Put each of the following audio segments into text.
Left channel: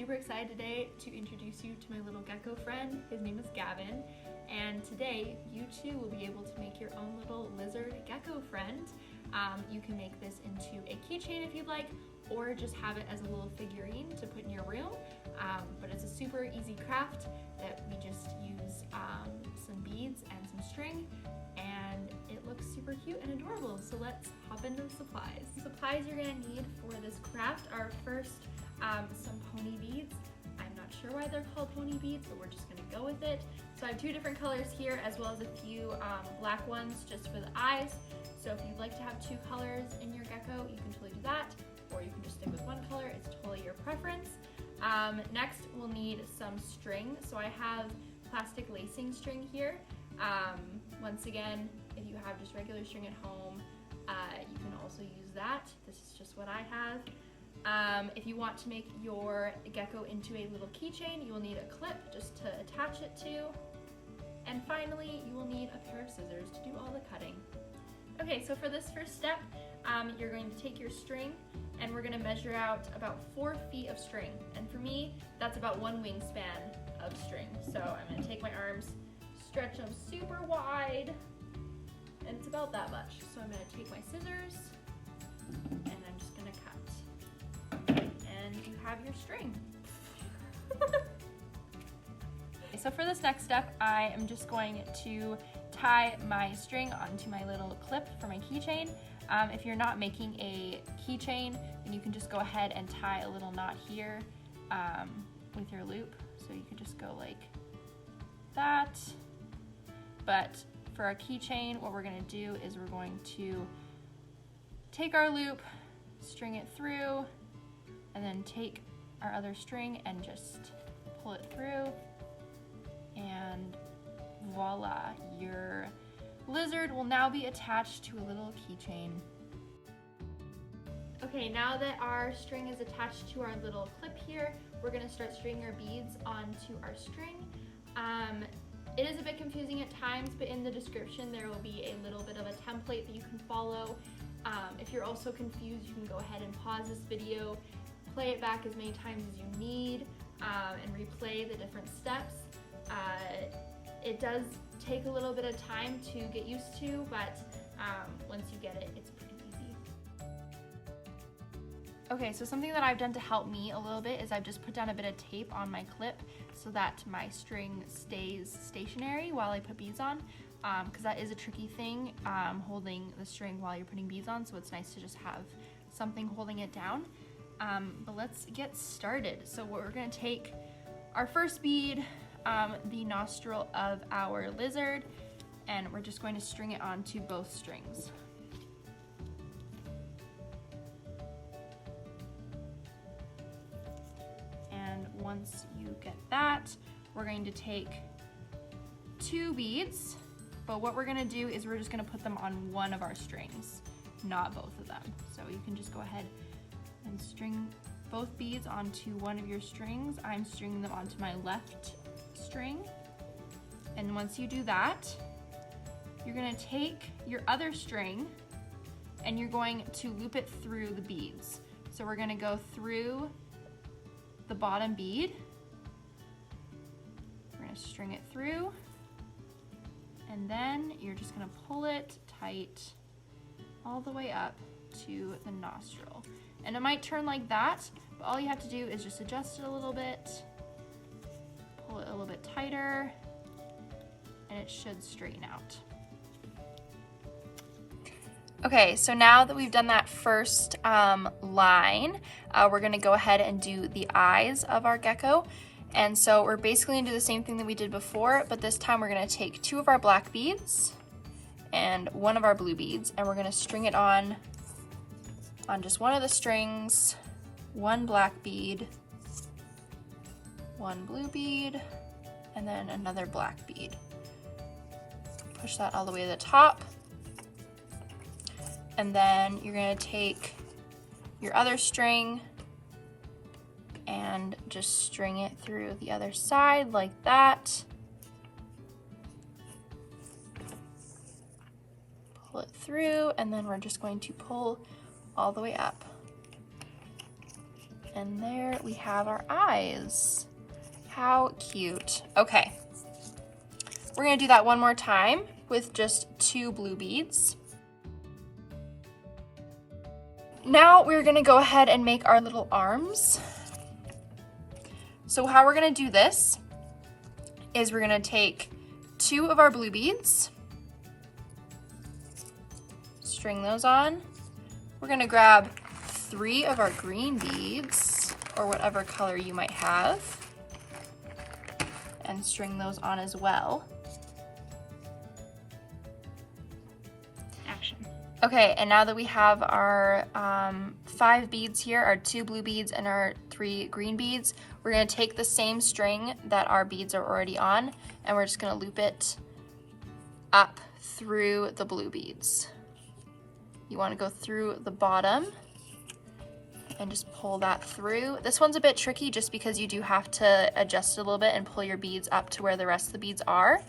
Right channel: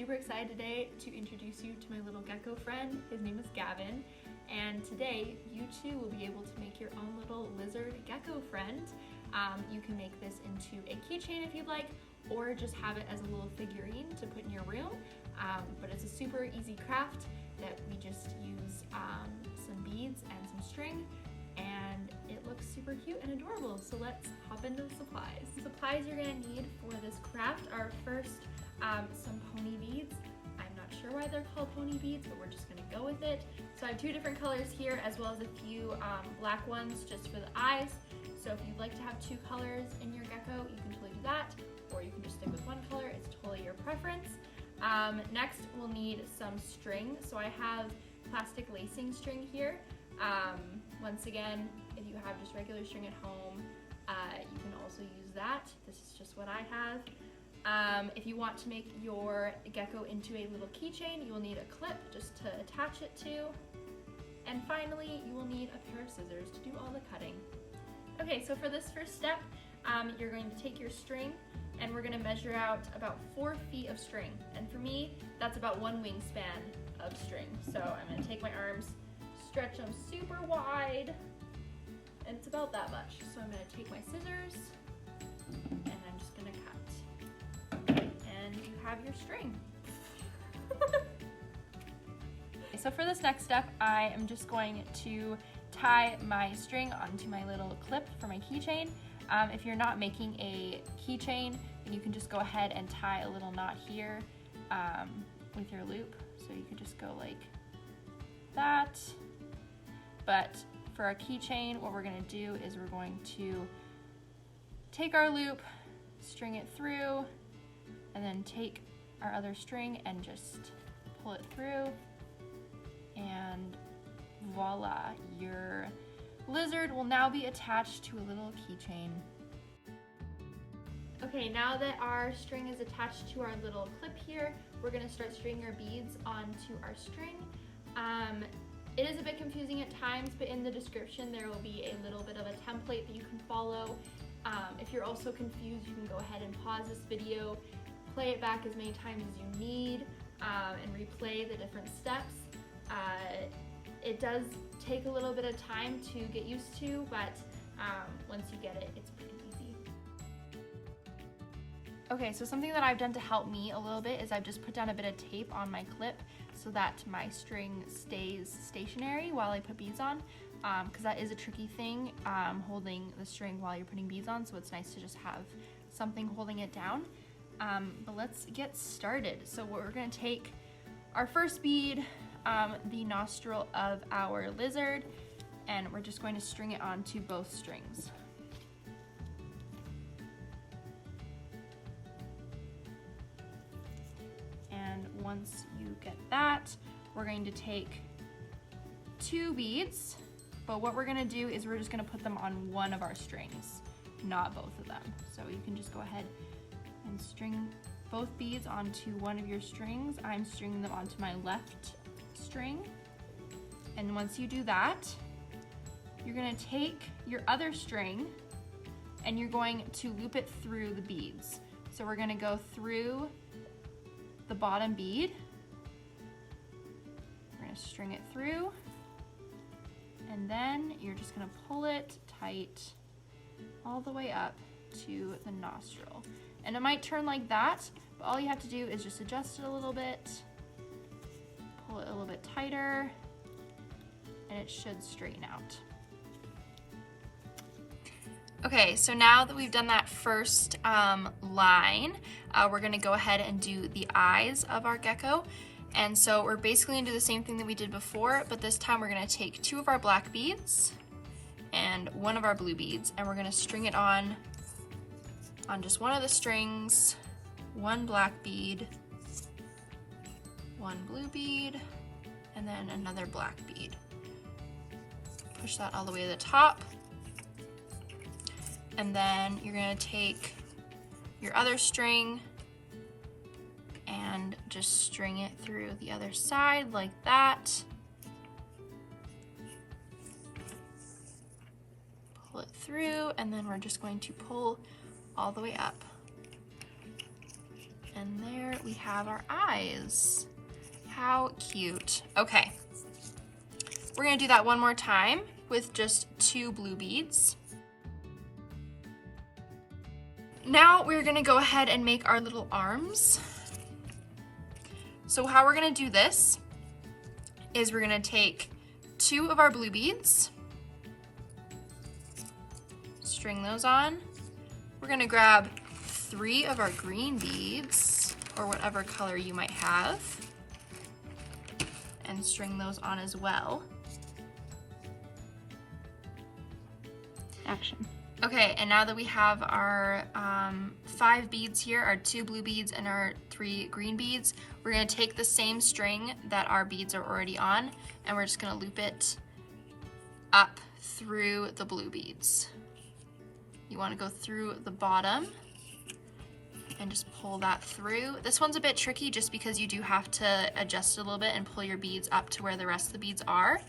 super excited today to introduce you to my little gecko friend. His name is Gavin, and today you too will be able to make your own little lizard gecko friend. You can make this into a keychain if you'd like, or just have it as a little figurine to put in your room. But it's a super easy craft that we just use some beads and some string, and it looks super cute and adorable. So let's hop into the supplies. The supplies you're gonna need for this craft are first some pony beads. I'm not sure why they're called pony beads, but we're just gonna go with it. So I have two different colors here, as well as a few black ones just for the eyes. So if you'd like to have two colors in your gecko, you can totally do that, or you can just stick with one color. It's totally your preference. Next, we'll need some string. So I have plastic lacing string here. Once again, if you have just regular string at home, you can also use that. This is just what I have. If you want to make your gecko into a little keychain, you will need a clip just to attach it to. And finally, you will need a pair of scissors to do all the cutting. Okay, so for this first step, you're going to take your string and we're gonna measure out about 4 feet of string. And for me, that's about 1 wingspan of string. So I'm gonna take my arms, stretch them super wide, and it's about that much. So I'm gonna take my scissors and I'm just gonna cut. And you have your string. So for this next step, I am just going to tie my string onto my little clip for my keychain. If you're not making a keychain, then you can just go ahead and tie a little knot here with your loop. So you could just go like that. But for our keychain, what we're gonna do is we're going to take our loop, string it through, and then take our other string and just pull it through, and voila, your lizard will now be attached to a little keychain. Okay, now that our string is attached to our little clip here, we're gonna start stringing our beads onto our string. It is a bit confusing at times, but in the description there will be a little bit of a template that you can follow. If you're also confused, you can go ahead and pause this video, play it back as many times as you need, and replay the different steps. It does take a little bit of time to get used to, but once you get it, it's pretty easy. Okay, so something that I've done to help me a little bit is I've just put down a bit of tape on my clip so that my string stays stationary while I put beads on, because that is a tricky thing, holding the string while you're putting beads on, so it's nice to just have something holding it down. But let's get started. So we're gonna take our first bead, the nostril of our lizard, and we're just going to string it onto both strings. And once you get that, we're going to take 2 beads, but what we're gonna do is we're just gonna put them on one of our strings, not both of them. So you can just go ahead and string both beads onto one of your strings. I'm stringing them onto my left string. And once you do that, you're gonna take your other string and you're going to loop it through the beads. So we're gonna go through the bottom bead. We're gonna string it through, and then you're just gonna pull it tight all the way up to the nostril. And it might turn like that, but all you have to do is just adjust it a little bit, pull it a little bit tighter, and it should straighten out. Okay, so now that we've done that first line, we're gonna go ahead and do the eyes of our gecko. And so we're basically gonna do the same thing that we did before, but this time we're gonna take 2 of our black beads and 1 of our blue beads, and we're gonna string it on just one of the strings, 1 black bead, 1 blue bead, and then another black bead. Push that all the way to the top. And then you're gonna take your other string and just string it through the other side like that. Pull it through, and then we're just going to pull all the way up. And there we have our eyes. How cute. Okay, we're gonna do that one more time with just 2 blue beads. Now we're gonna go ahead and make our little arms. So how we're gonna do this is we're gonna take 2 of our blue beads, string those on. We're gonna grab 3 of our green beads, or whatever color you might have, and string those on as well. Action. Okay, and now that we have our 5 beads here, our 2 blue beads and our 3 green beads, we're gonna take the same string that our beads are already on, and we're just gonna loop it up through the blue beads. You wanna go through the bottom and just pull that through. This one's a bit tricky just because you do have to adjust it a little bit and pull your beads up to where the rest of the beads are.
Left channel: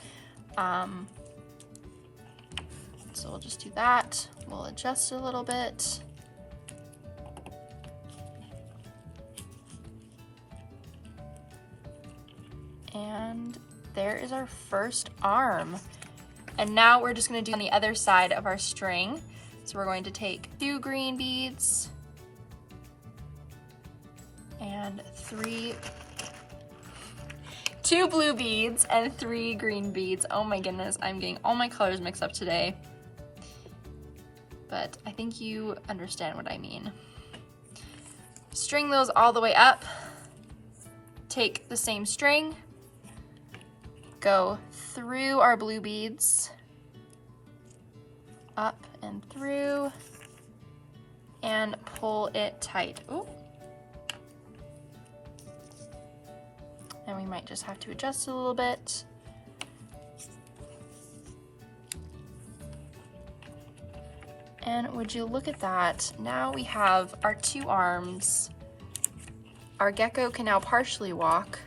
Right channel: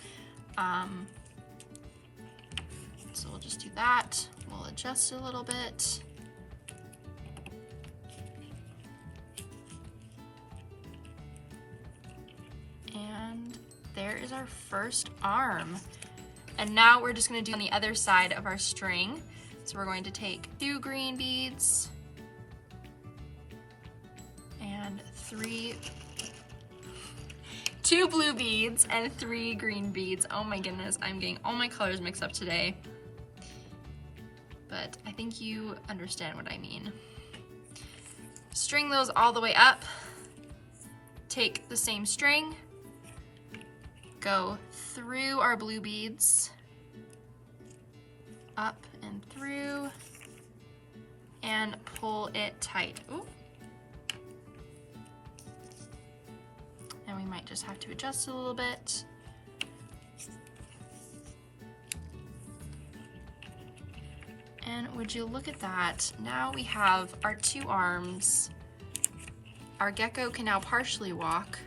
So we'll just do that. We'll adjust it a little bit. And there is our first arm. And now we're just gonna do on the other side of our string. So we're going to take 2 green beads and 2 blue beads and 3 green beads. Oh my goodness, I'm getting all my colors mixed up today. But I think you understand what I mean. String those all the way up. Take the same string, go through our blue beads, up and through, and pull it tight. Ooh. And we might just have to adjust it a little bit. And would you look at that? Now we have our 2 arms. Our gecko can now partially walk.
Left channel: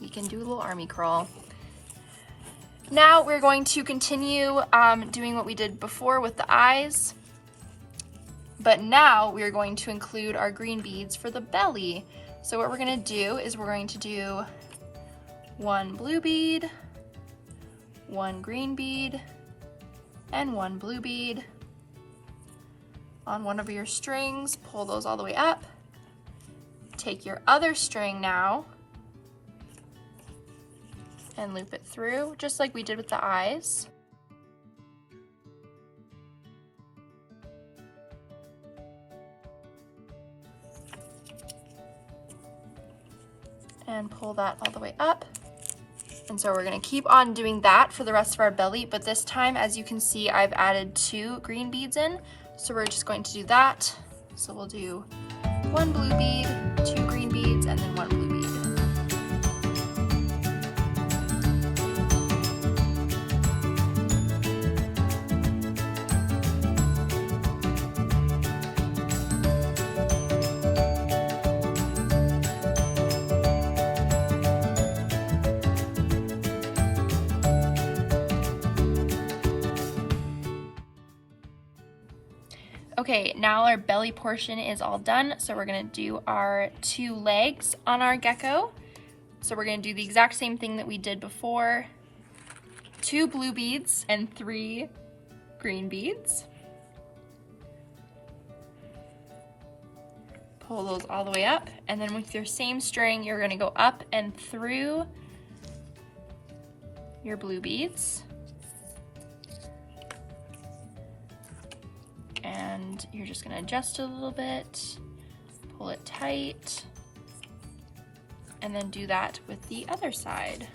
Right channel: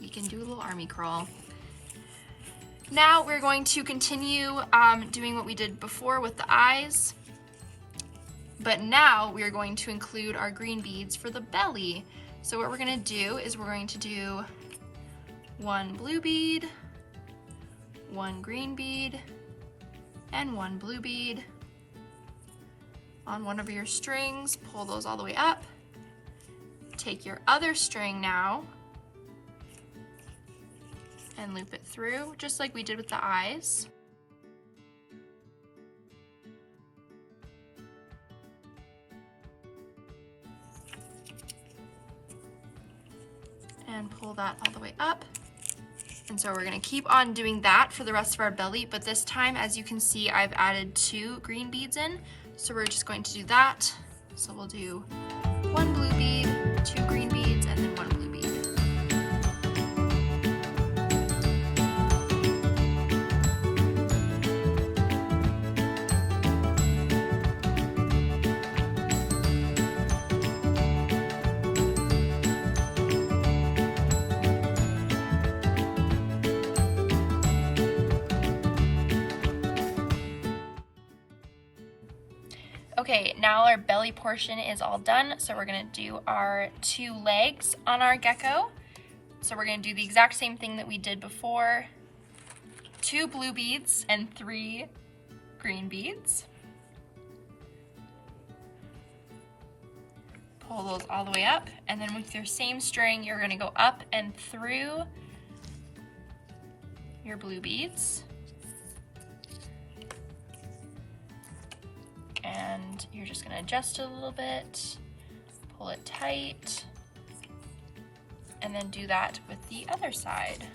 We can do a little army crawl. Now we're going to continue doing what we did before with the eyes. But now we're going to include our green beads for the belly. So what we're gonna do is we're going to do 1 blue bead, 1 green bead, and 1 blue bead on one of your strings. Pull those all the way up. Take your other string now and loop it through, just like we did with the eyes. And pull that all the way up. And so we're gonna keep on doing that for the rest of our belly, but this time, as you can see, I've added 2 green beads in, so we're just going to do that. So we'll do 1 blue bead, 2 green beads, and then 1 blue bead. Okay, now our belly portion is all done, so we're gonna do our 2 legs on our gecko. So we're gonna do the exact same thing that we did before. 2 blue beads and 3 green beads. Pull those all the way up, and then with your same string, you're gonna go up and through your blue beads. You're just gonna adjust it a little bit, pull it tight, and then do that with the other side.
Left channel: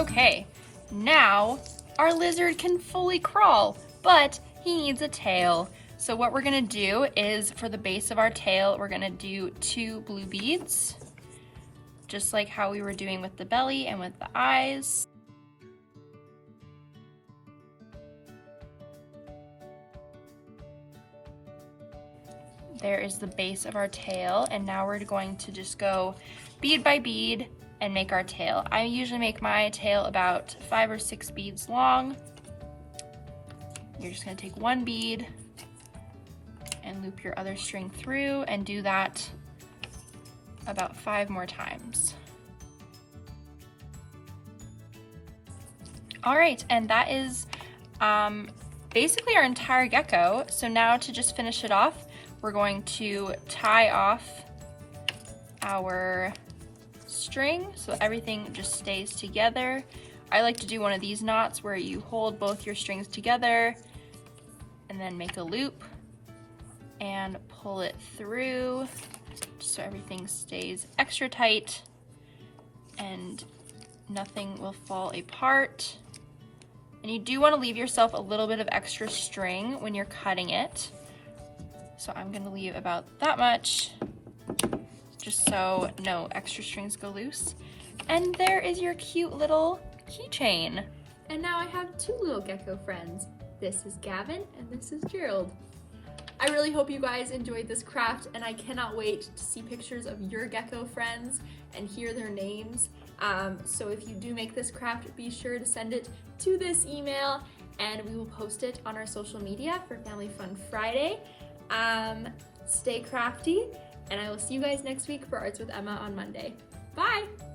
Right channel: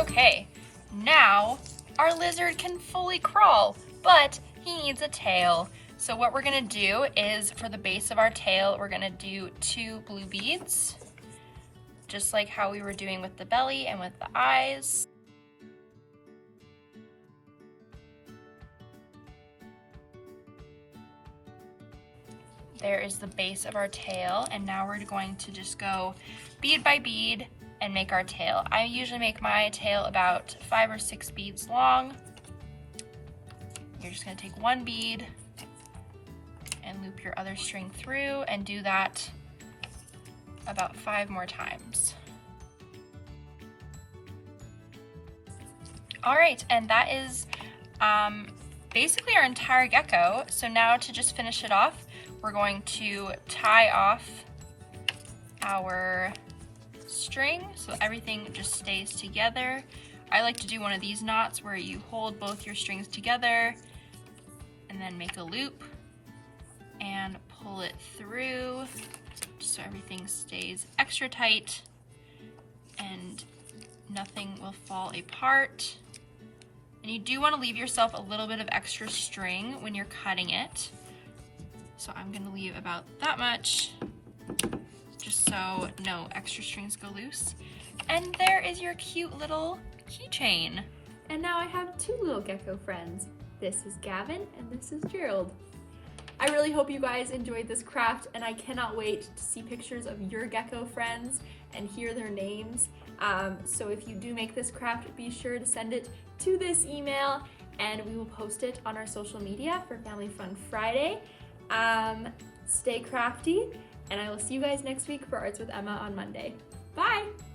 Okay, now our lizard can fully crawl, but he needs a tail. So what we're gonna do is, for the base of our tail, we're gonna do 2 blue beads, just like how we were doing with the belly and with the eyes. There is the base of our tail, and now we're going to just go bead by bead and make our tail. I usually make my tail about 5 or 6 beads long. you're just gonna take one bead and loop your other string through and do that about 5 more times. All right, and that is basically our entire gecko. So now to just finish it off, we're going to tie off our string so everything just stays together. I like to do one of these knots where you hold both your strings together and then make a loop and pull it through so everything stays extra tight and nothing will fall apart. And you do want to leave yourself a little bit of extra string when you're cutting it. So I'm going to leave about that much, just so no extra strings go loose. And there is your cute little keychain. And now I have 2 little gecko friends. This is Gavin and this is Gerald. I really hope you guys enjoyed this craft, and I cannot wait to see pictures of your gecko friends and hear their names. So if you do make this craft, be sure to send it to this email and we will post it on our social media for Family Fun Friday. Stay crafty, and I will see you guys next week for Arts with Emma on Monday. Bye!